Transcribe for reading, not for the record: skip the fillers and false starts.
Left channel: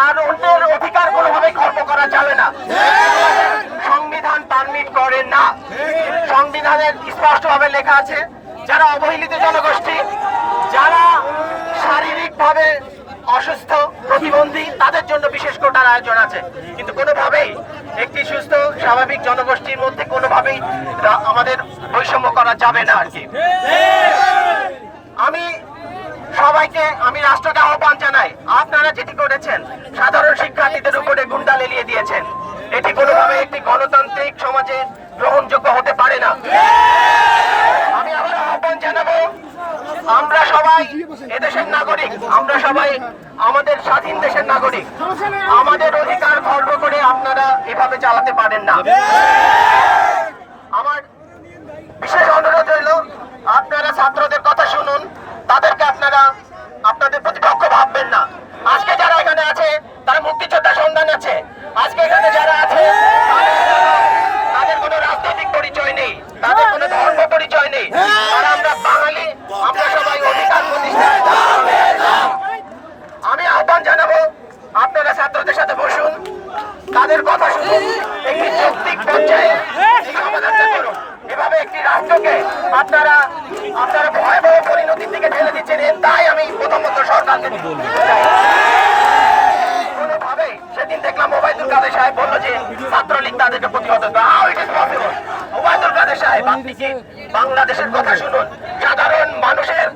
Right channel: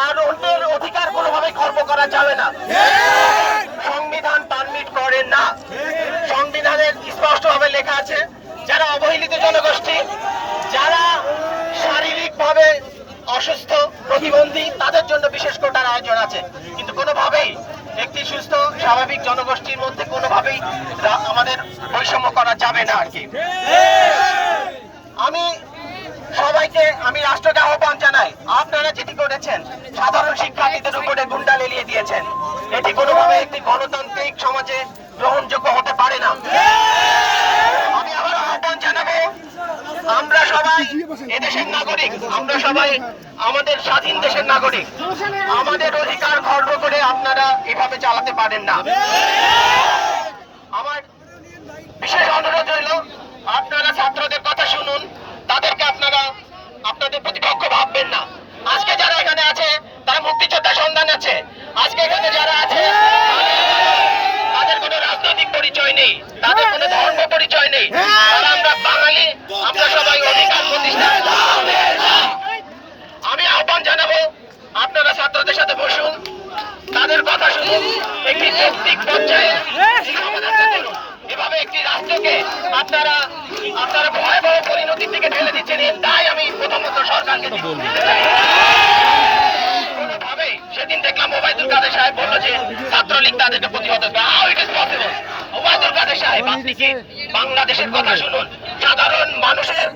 আর অন্যের অধিকার কোনোভাবে খর্ব করা যাবে না। সংবিধান পারমিট করে না। সংবিধানের স্পষ্টভাবে লেখা আছে, যারা অবহেলিত জনগোষ্ঠী, যারা শারীরিকভাবে অসুস্থ, প্রতিবন্ধী, তাদের জন্য বিশেষ কোটার আয়োজন আছে। কিন্তু কোনোভাবেই একটি সুস্থ স্বাভাবিক জনগোষ্ঠীর মধ্যে কোনোভাবেই আমাদের বৈষম্য করা যাবে না আর কি। আমি রাষ্ট্রকে আহ্বান জানাই, আপনারা যেটি করেছেন সাধারণ শিক্ষার্থীদের উপরে গুন্ডা লেলিয়ে দিয়েছেন, এটি কোনোভাবে একটি গণতান্ত্রিক সমাজে গ্রহণযোগ্য হতে পারে না। আমি আবার আহ্বান জানাবো, আমরা সবাই এদেশের নাগরিক, আমরা সবাই আমাদের স্বাধীন দেশের নাগরিক। আমাদের অধিকার খর্ব করে আপনারা এভাবে চালাতে পারেন না। আমার বিশেষ অনুরোধ রইল, আপনারা ছাত্রদের কথা শুনুন, তাদেরকে আপনাদের প্রতিপক্ষ ভাববেন না। আজকে যারা এখানে আছে তারা মুক্তিযোদ্ধা সন্ধান আছে। আজকে এখানে যারা আছে তাদের কোনো রাজনৈতিক পরিচয় নেই, তাদের কোনো ধর্ম পরিচয় নেই। তারা আমরা বাঙালি, আমরা সবাই অধিকার প্রতিষ্ঠা। আমি আহ্বান জানাবো, আপনারা ছাত্রদের সাথে বসুন, তাদের কথা শুনুন, একটি যৌক্তিক পর্যায়ে এই সমাধানটা করুন। এভাবে একটি রাষ্ট্রকে আপনারা ভয়াবহ পরিণতির দিকে ঠেলে দিচ্ছেন, তাই আমি প্রথমত সরকারকে দিতে চাই। কোনোভাবে সেদিন দেখলাম ওবায়দুল কাদের সাহেব বললো যে ছাত্রলীগ তাদেরকে প্রতিহত করবে। How it is possible? Obaidul Quader সাহেব, আপনি কি বাংলাদেশের কথা শুনুন, সাধারণ মানুষের